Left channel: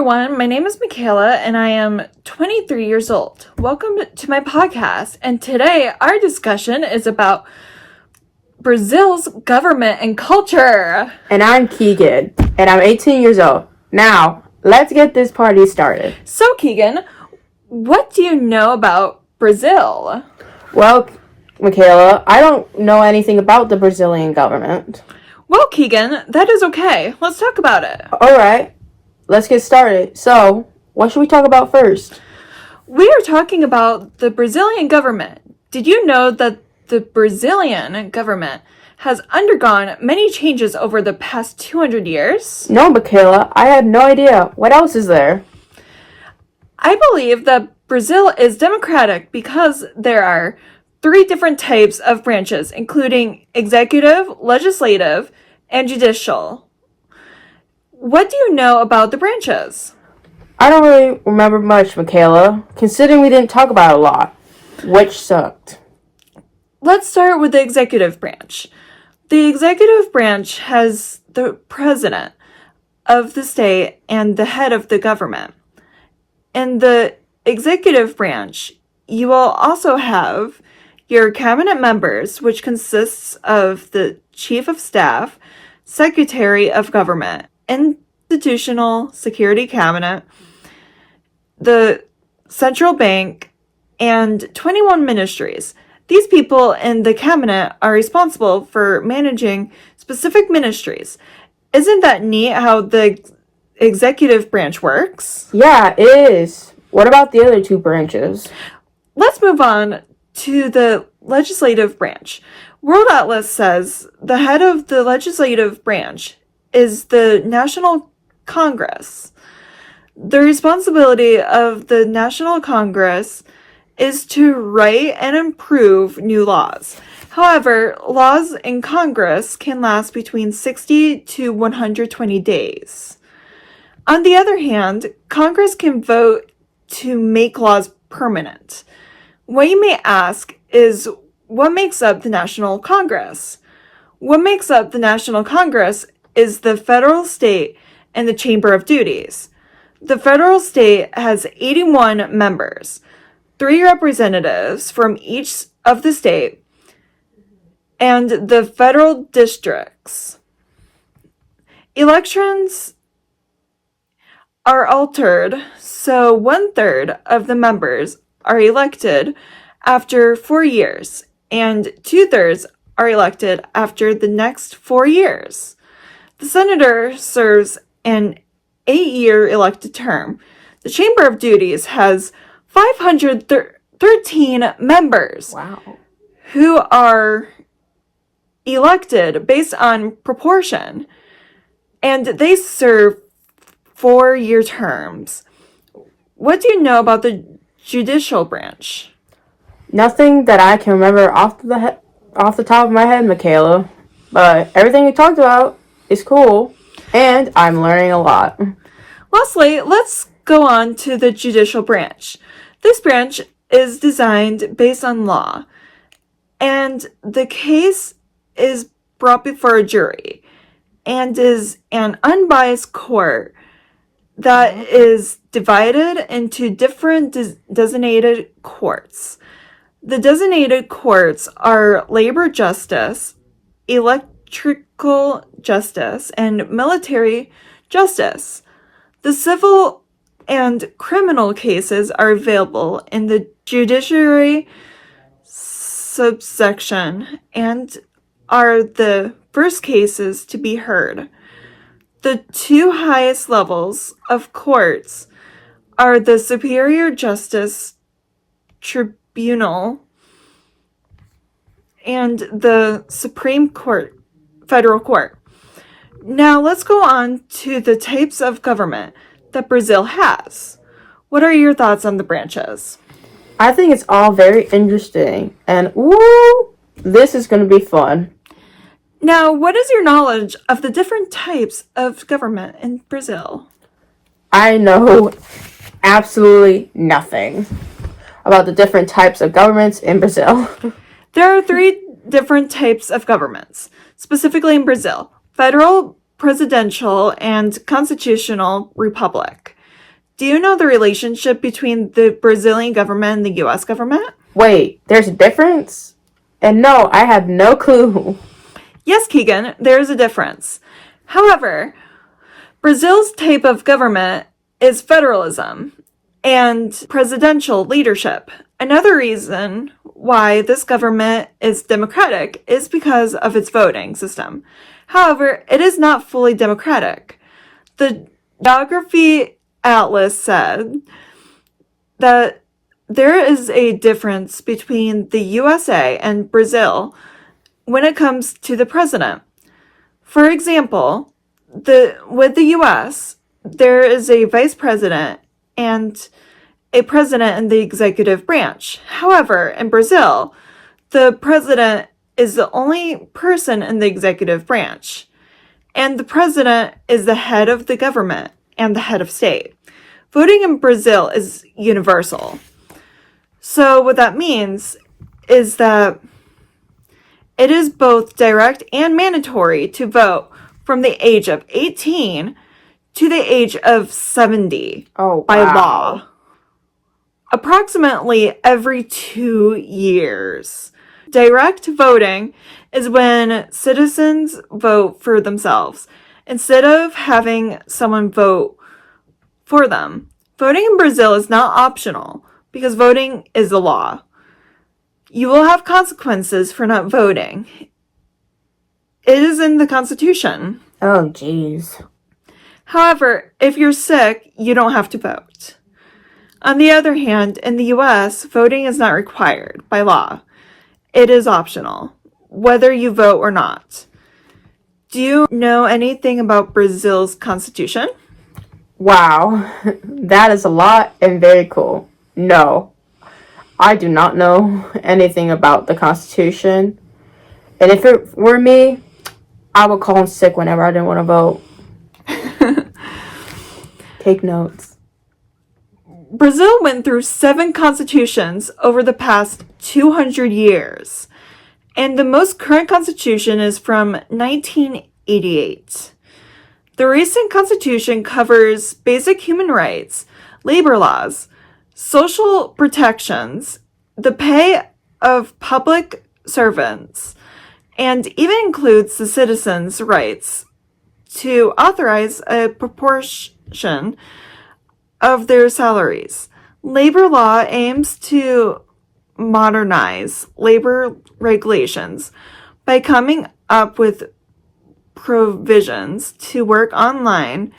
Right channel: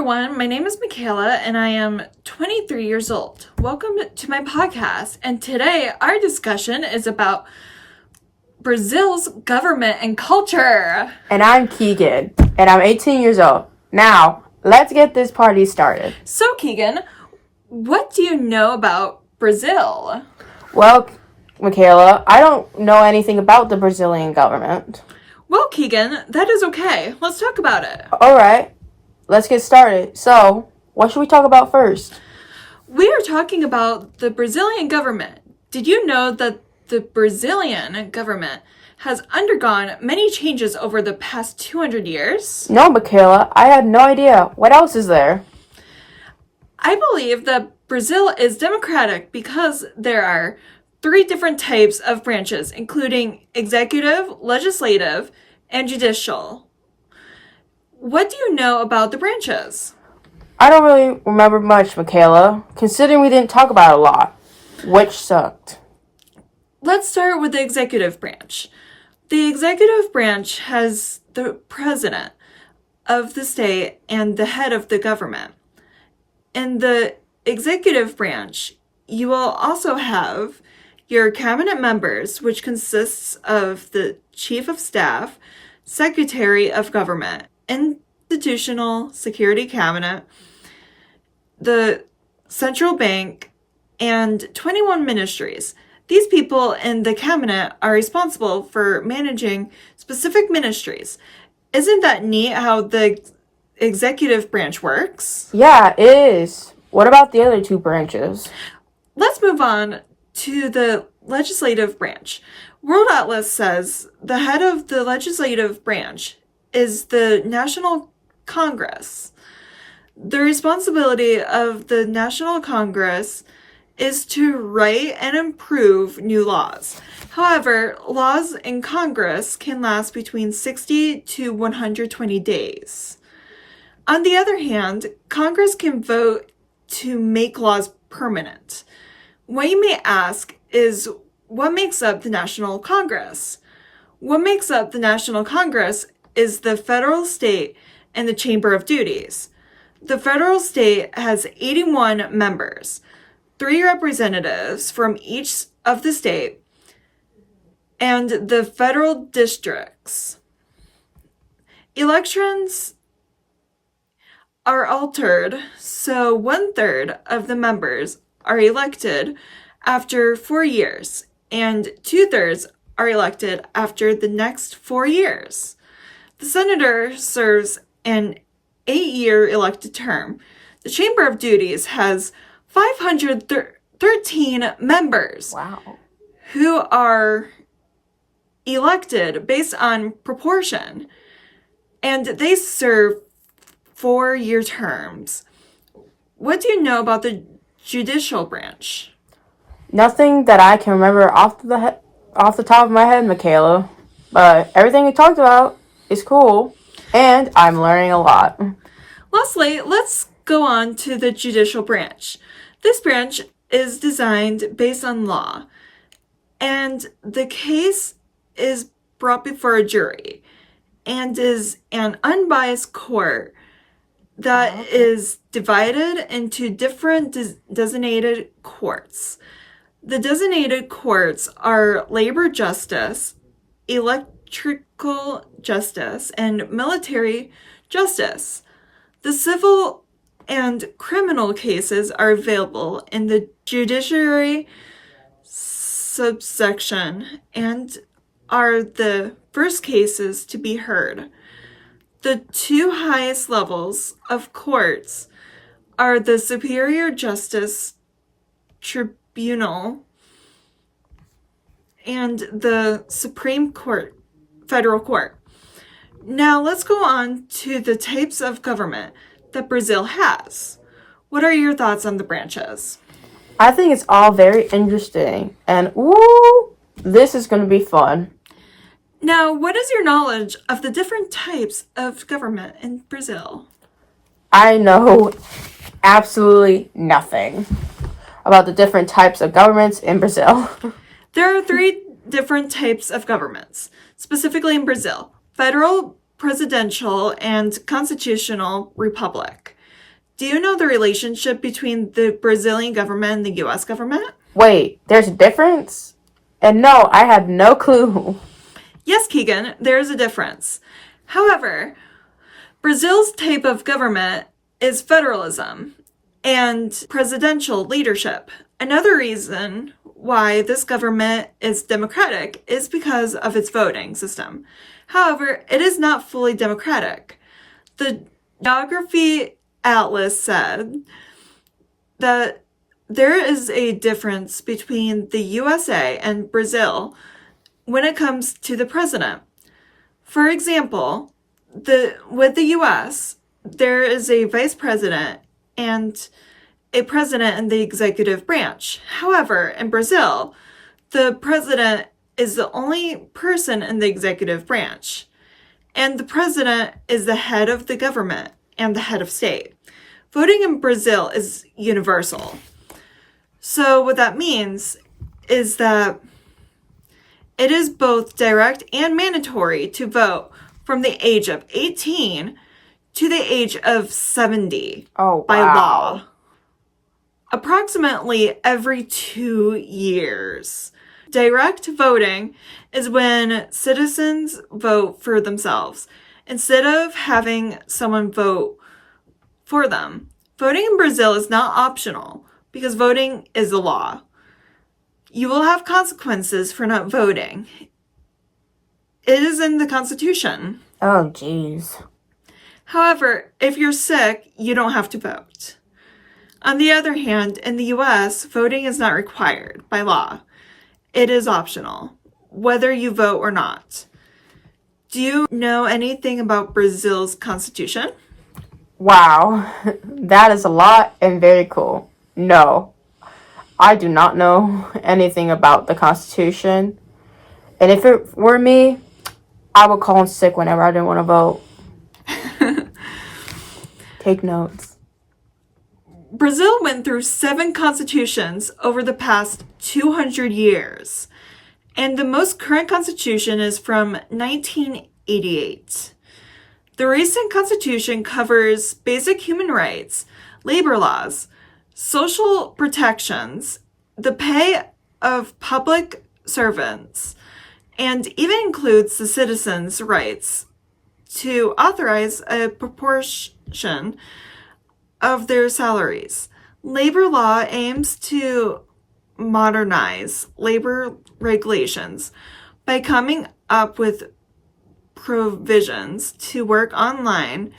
everyone, my name is Michaela and I am 23 years old. Welcome to my podcast, and today our discussion is about Brazil's government and culture. And I'm Keegan, and I'm 18 years old. Now, let's get this party started. So Keegan, what do you know about Brazil? Well, Michaela, I don't know anything about the Brazilian government. Well, Keegan, that is okay. Let's talk about it. Alright, let's get started. So, what should we talk about first? We are talking about the Brazilian government. Did you know that the Brazilian government has undergone many changes over the past 200 years? No, Michaela, I had no idea. What else is there? I believe that Brazil is democratic because there are 3 different types of branches, including executive, legislative, and judicial. What do you know about the branches? I don't really remember much, Michaela, considering we didn't talk about it a lot, which sucked. Let's start with the executive branch. The executive branch has the president of the state and the head of the government. In the executive branch, you will also have your cabinet members, which consists of the chief of staff, secretary of government, institutional security cabinet, the central bank, and 21 ministries. These people in the cabinet are responsible for managing specific ministries. Isn't that neat how the executive branch works? Yeah, it is. What about the other 2 branches? Let's move on to the legislative branch. World Atlas says the head of the legislative branch is the National Congress. The responsibility of the National Congress is to write and improve new laws. However, laws in Congress can last between 60 to 120 days. On the other hand, Congress can vote to make laws permanent. What you may ask is, what makes up the National Congress? What makes up the National Congress is the federal, state, and the Chamber of Duties. The federal state has 81 members, 3 representatives from each of the state, and the federal districts. Elections are altered, so 1/3 of the members are elected after 4 years, and 2/3 are elected after the next 4 years. The senator serves an 8-year elected term. The Chamber of Duties has 513 members. Wow. Who are elected based on proportion, and they serve 4-year terms. What do you know about the judicial branch? Nothing that I can remember off the top of my head, Michaela. But everything we talked about is cool, and I'm learning a lot. Lastly, let's go on to the judicial branch. This branch is designed based on law, and the case is brought before a jury, and is an unbiased court that is divided into different designated courts. The designated courts are labor justice, electrical justice, and military justice. The civil and criminal cases are available in the judiciary subsection and are the first cases to be heard. The 2 highest levels of courts are the Superior Justice Tribunal and the Supreme Court, Federal Court. Now let's go on to the types of government that Brazil has. What are your thoughts on the branches? I think it's all very interesting, and woo, this is going to be fun. Now, what is your knowledge of the different types of government in Brazil? I know absolutely nothing about the different types of governments in Brazil. There are 3 different types of governments, specifically in Brazil: federal, presidential, and constitutional republic. Do you know the relationship between the Brazilian government and the US government? Wait, there's a difference? And no, I had no clue. Yes, Keegan, there is a difference. However, Brazil's type of government is federalism and presidential leadership. Another reason why this government is democratic is because of its voting system. However, it is not fully democratic. The Geography Atlas said that there is a difference between the USA and Brazil when it comes to the president. For example, with the US, there is a vice president and a president in the executive branch. However, in Brazil, the president is the only person in the executive branch, and the president is the head of the government and the head of state. Voting in Brazil is universal. So what that means is that it is both direct and mandatory to vote from the age of 18 to the age of 70 by law. Approximately every 2 years. Direct voting is when citizens vote for themselves instead of having someone vote for them. Voting in Brazil is not optional because voting is the law. You will have consequences for not voting. It is in the Constitution. Oh, jeez. However, if you're sick, you don't have to vote. On the other hand, in the US, voting is not required by law. It is optional, whether you vote or not. Do you know anything about Brazil's constitution? Wow, that is a lot and very cool. No, I do not know anything about the Constitution. And if it were me, I would call in sick whenever I didn't want to vote. Take notes. Brazil went through 7 constitutions over the past 200 years, and the most current constitution is from 1988. The recent constitution covers basic human rights, labor laws, social protections, the pay of public servants, and even includes the citizens' rights to authorize a proportion of their salaries. Labor law aims to modernize labor regulations by coming up with provisions to work online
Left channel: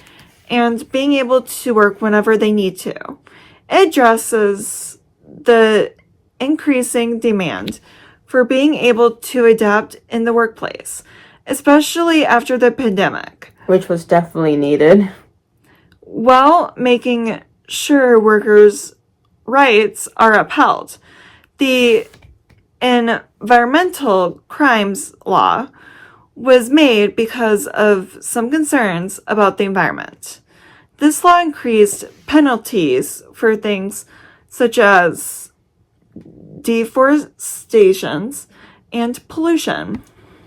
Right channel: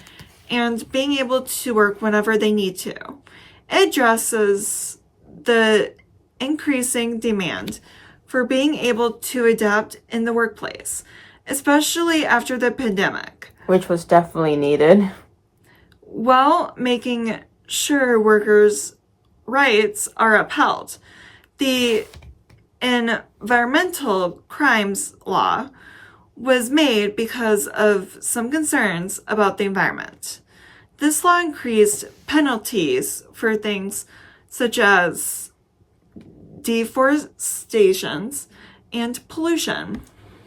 and being able to work whenever they need to. It addresses the increasing demand for being able to adapt in the workplace, especially after the pandemic, which was definitely needed, while making sure workers' rights are upheld. The environmental crimes law was made because of some concerns about the environment. This law increased penalties for things such as deforestation and pollution.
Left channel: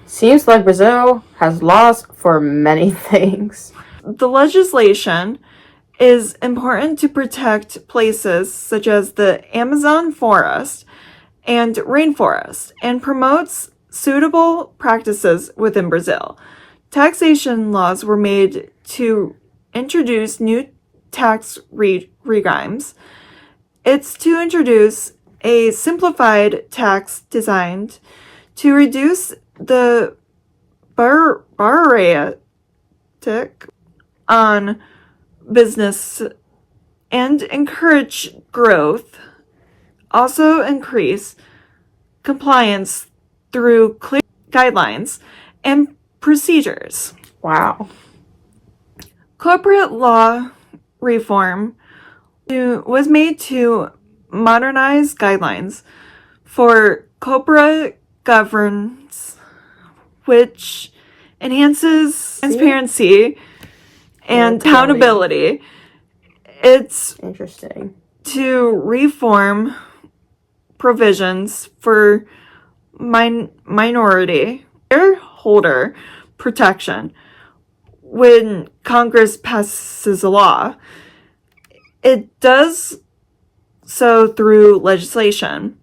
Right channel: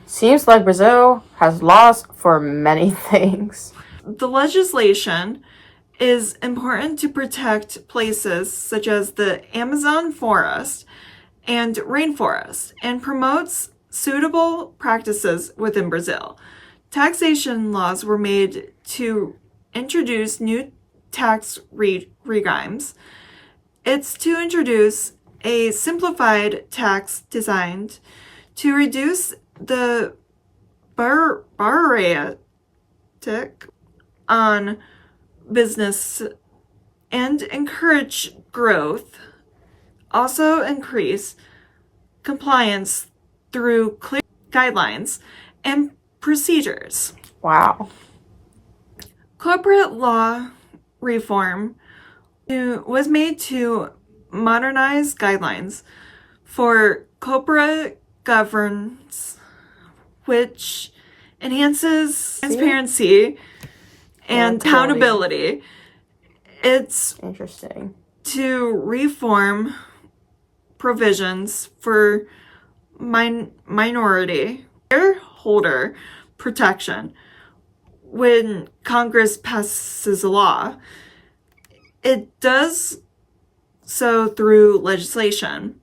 Seems like Brazil has laws for many things. The legislation is important to protect places such as the Amazon forest and rainforest and promotes suitable practices within Brazil. Taxation laws were made to introduce new tax regimes. It's to introduce a simplified tax designed to reduce the barrier on business and encourage growth, also increase compliance through clear guidelines and procedures. Wow. Corporate law reform was made to modernize guidelines for corporate governance, which enhances transparency and accountability. It's interesting to reform provisions for minority shareholder protection when Congress passes a law. it does so through legislation,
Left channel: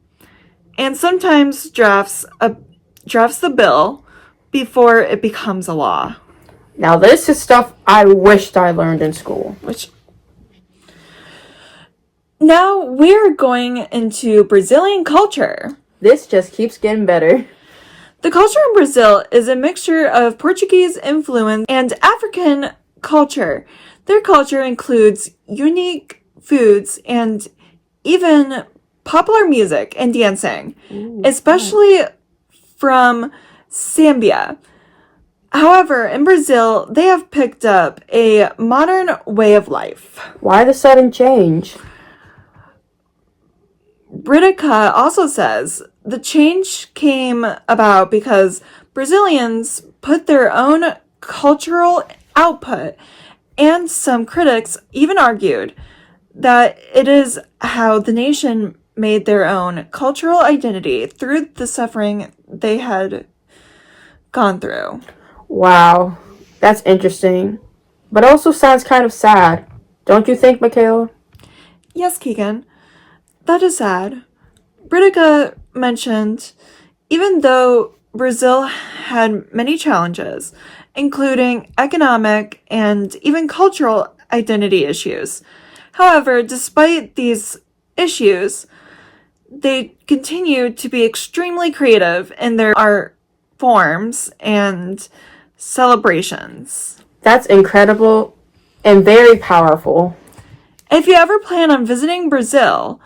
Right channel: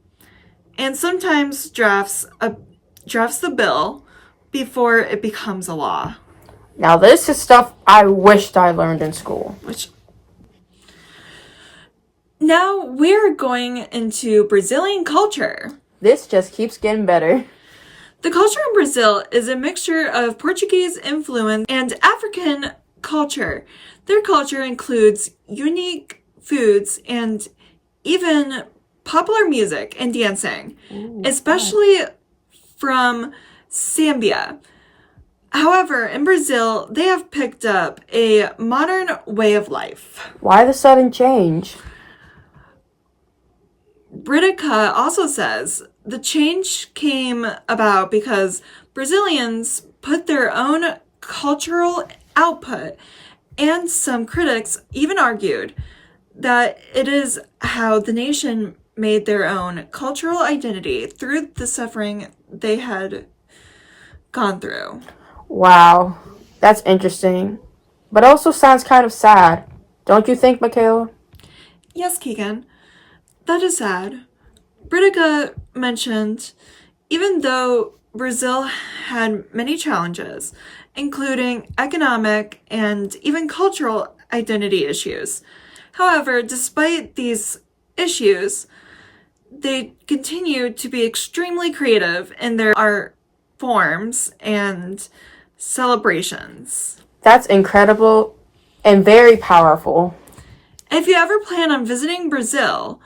and sometimes drafts the bill before it becomes a law. Now this is stuff I wished I learned in school. Now we're going into Brazilian culture. This just keeps getting better. The culture in Brazil is a mixture of Portuguese influence and African culture. Their culture includes unique foods and even popular music and dancing, especially from Zambia. However, in Brazil, they have picked up a modern way of life. Why the sudden change? Britica also says the change came about because Brazilians put their own cultural output, and some critics even argued that it is how the nation made their own cultural identity through the suffering they had gone through. Wow, that's interesting. But also sounds kind of sad. Don't you think, Michaela? Yes, Keegan, that is sad. Britica mentioned, even though Brazil had many challenges, including economic and even cultural identity issues. However, despite these issues, they continue to be extremely creative in their art forms and celebrations. That's incredible and very powerful. If you ever plan on visiting Brazil,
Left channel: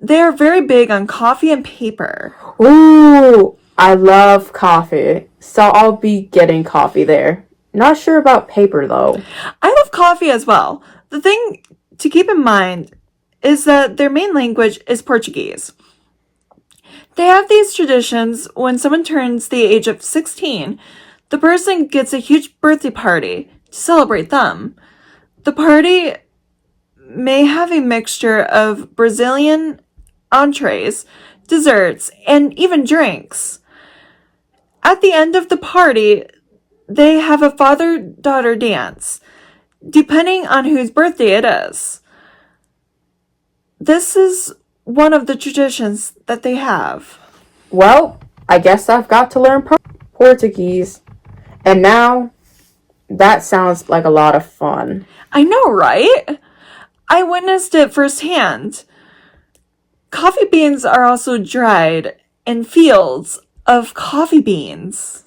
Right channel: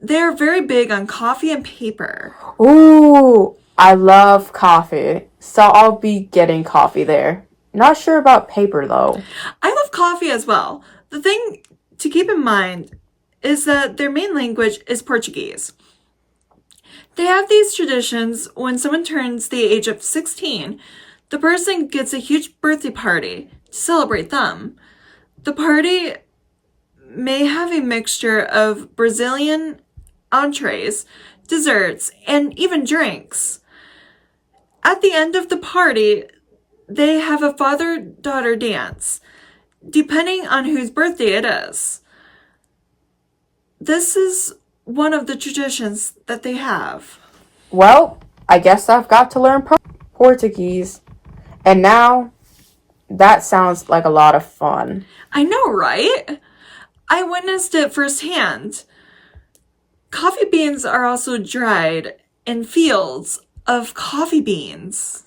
they are very big on coffee and paper. Ooh, I love coffee, so I'll be getting coffee there. Not sure about paper though. I love coffee as well. The thing to keep in mind is that their main language is Portuguese. They have these traditions when someone turns the age of 16, the person gets a huge birthday party to celebrate them. The party may have a mixture of Brazilian entrees, desserts, and even drinks. At the end of the party, they have a father-daughter dance, depending on whose birthday it is. This is one of the traditions that they have. Well, I guess I've got to learn Portuguese. And now, that sounds like a lot of fun. I know, right? I witnessed it firsthand. Coffee beans are also dried in fields of coffee beans.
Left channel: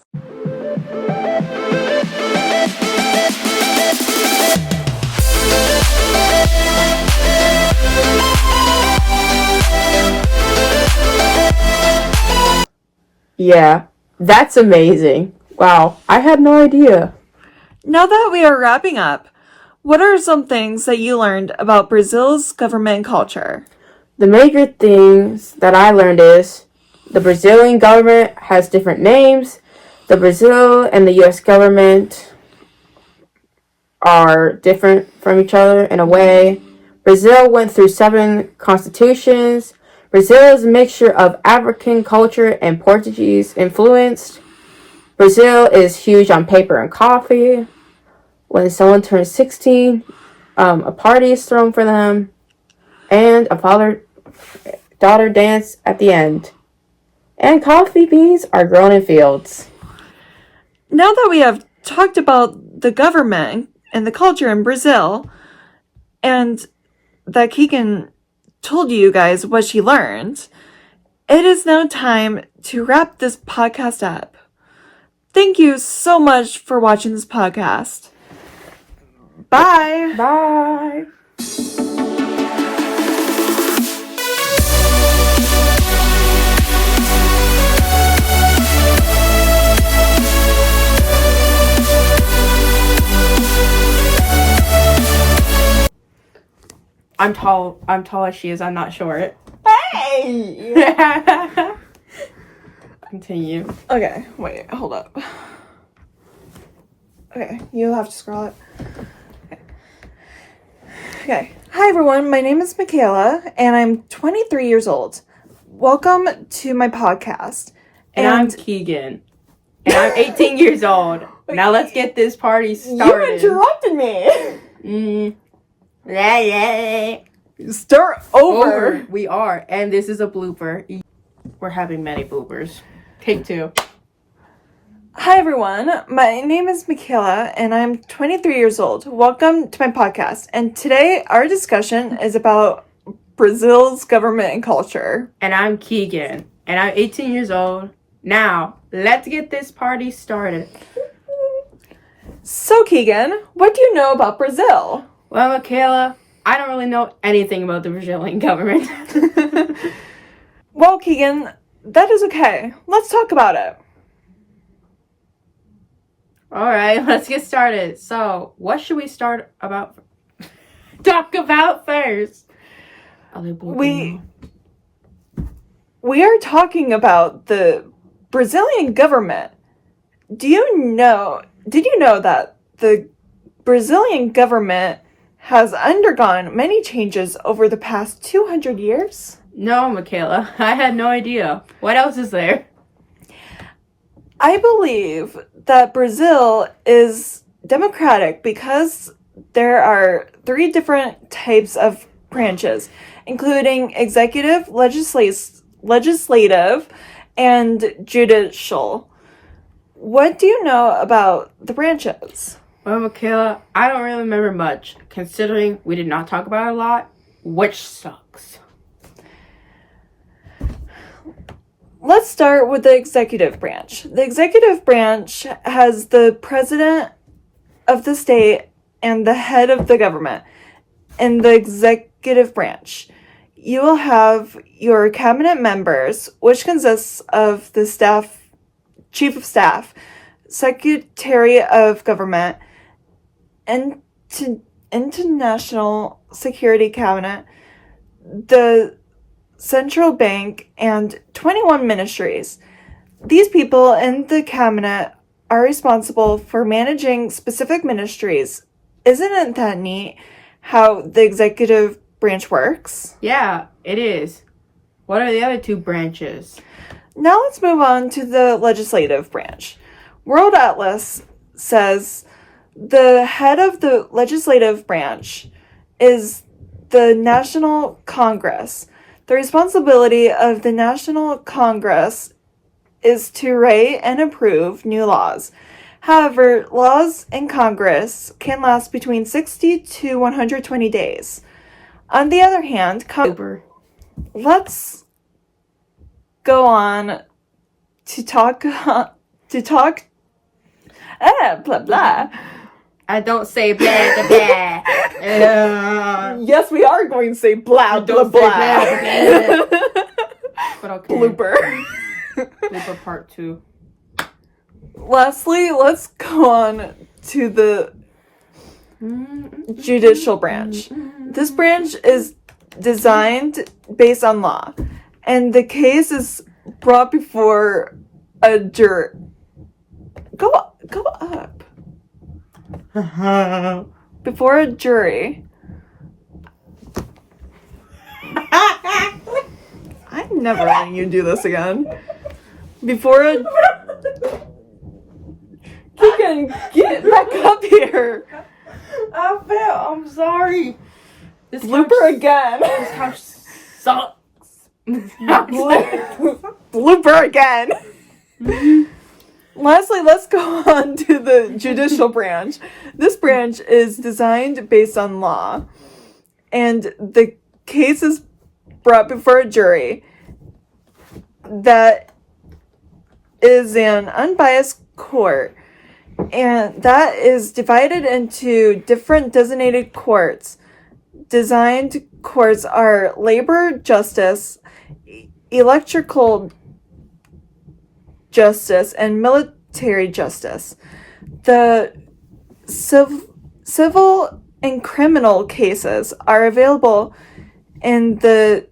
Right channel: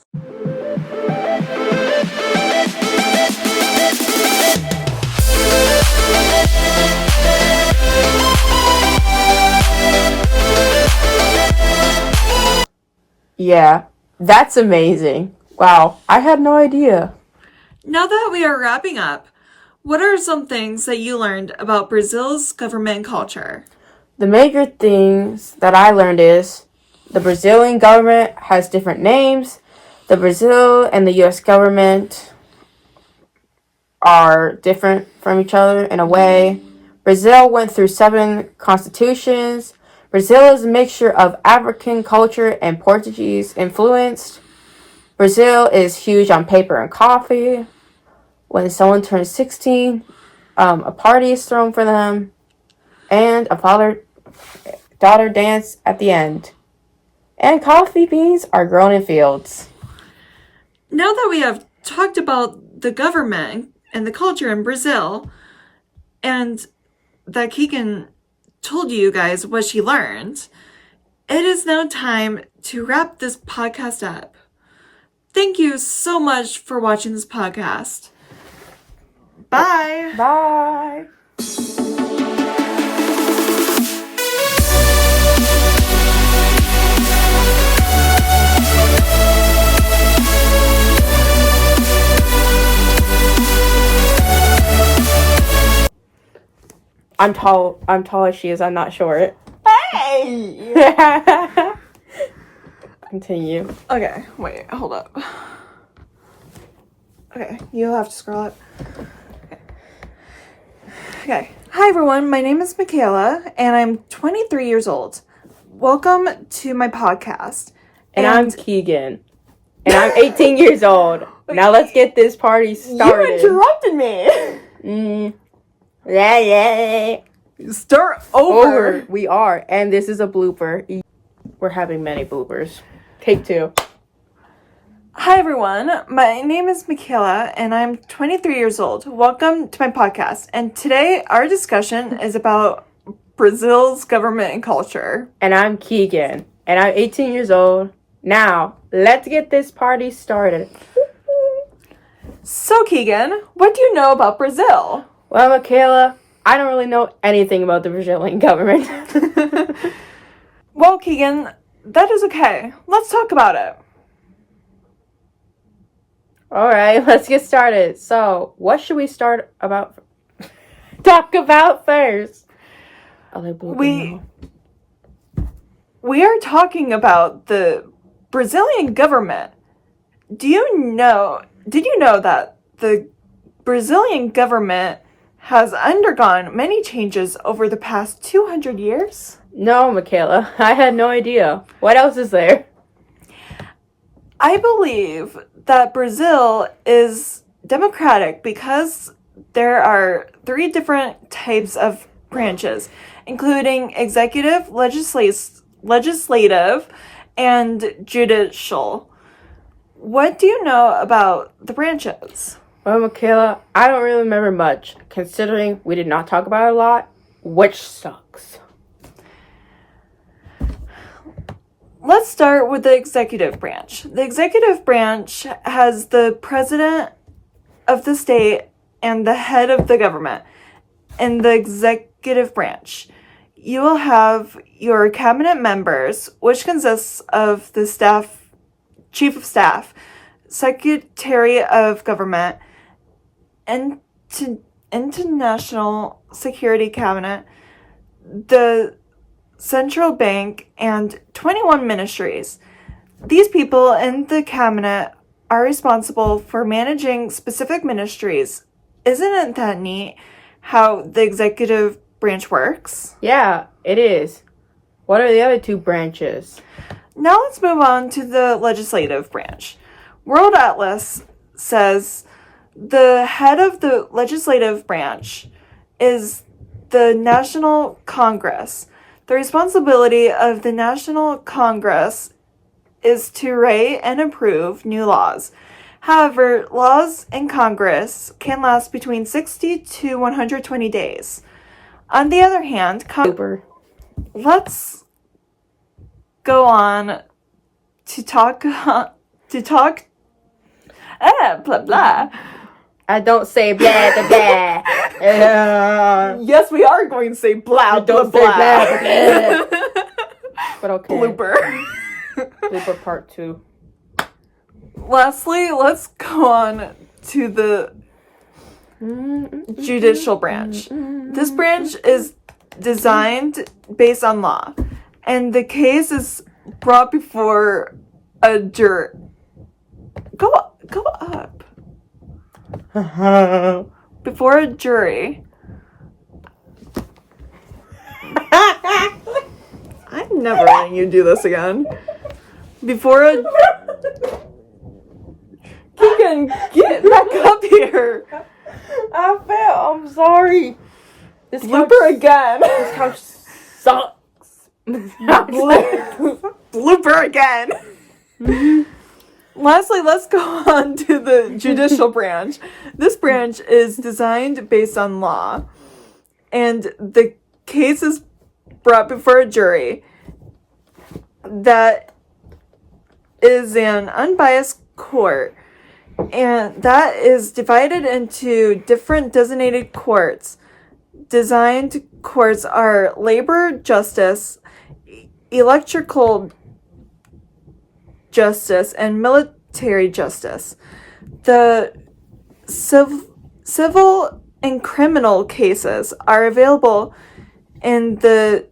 Yeah, that's amazing. Wow, I had no idea. Now that we are wrapping up, what are some things that you learned about Brazil's government and culture? The major things that I learned is the Brazilian government has different names. The Brazil and the U.S. government are different from each other in a way. Brazil went through 7 constitutions. Brazil is a mixture of African culture and Portuguese influence. Brazil is huge on paper and coffee. When someone turns 16, a party is thrown for them, and a father-daughter dance at the end. And coffee beans are grown in fields. Now that we have talked about the government and the culture in Brazil, and that Keegan told you guys what she learned, it is now time to wrap this podcast up. Thank you so much for watching this podcast. Bye. Bye. I'm tall as she is. I'm not short. Hey! Continue. Okay, wait, hold up. Okay, you'll have to scroll up. Okay. Hi everyone, my name is Michaela, and I'm 23 years old. Welcome to my podcast. And I'm Keegan. And I'm 18 years old. Now let's get this party started. You interrupted me! Yeah. Start over. We are. And this is a blooper. We're having many bloopers. Take 2. Hi, everyone. My name is Michaela, and I'm 23 years old. Welcome to my podcast. And today, our discussion is about Brazil's government and culture. And I'm Keegan, and I'm 18 years old. Now, let's get this party started. So, Keegan, what do you know about Brazil? Well, Michaela, I don't really know anything about the Brazilian government. Well, Keegan, that is okay. Let's talk about it. Alright, let's get started. So, what should we talk about first? We are talking about the Brazilian government. Did you know that the Brazilian government has undergone many changes over the past 200 years? No, Michaela, I had no idea. What else is there? I believe that Brazil is democratic because there are 3 different types of branches, including executive, legislative, and judicial. What do you know about the branches? Well, Michaela, I don't really remember much, considering we did not talk about it a lot, which sucks. Let's start with the executive branch. The executive branch has the president of the state and the head of the government. In the executive branch, you will have your cabinet members, which consists of the chief of staff, secretary of government, international security cabinet, the central bank, and 21 ministries. These people in the cabinet are responsible for managing specific ministries. Isn't it that neat how the executive branch works? Yeah, it is. What are the other 2 branches? Now let's move on to the legislative branch. World Atlas says the head of the legislative branch is the National Congress. The responsibility of the National Congress is to write and approve new laws. However, laws in Congress can last between 60 to 120 days. On the other hand, let's go on to talk blah blah. I don't say blah blah blah. Yes, we are going to say blah blah blah. But okay. Blooper. Blooper part 2. Lastly, let's go on to the judicial branch. This branch is designed based on law, and the case is brought before a jury. Go up. Before a jury. I'm never letting you do this again. Before a... You can get back up here. I'm sorry. This blooper again. This house sucks. Blooper again. Lastly, let's go on to the judicial branch. This branch is designed based on law, and the case is brought before a jury that is an unbiased court, and that is divided into different designated courts. Designed courts are labor justice, electrical justice, and military justice. The civil and criminal cases are available in the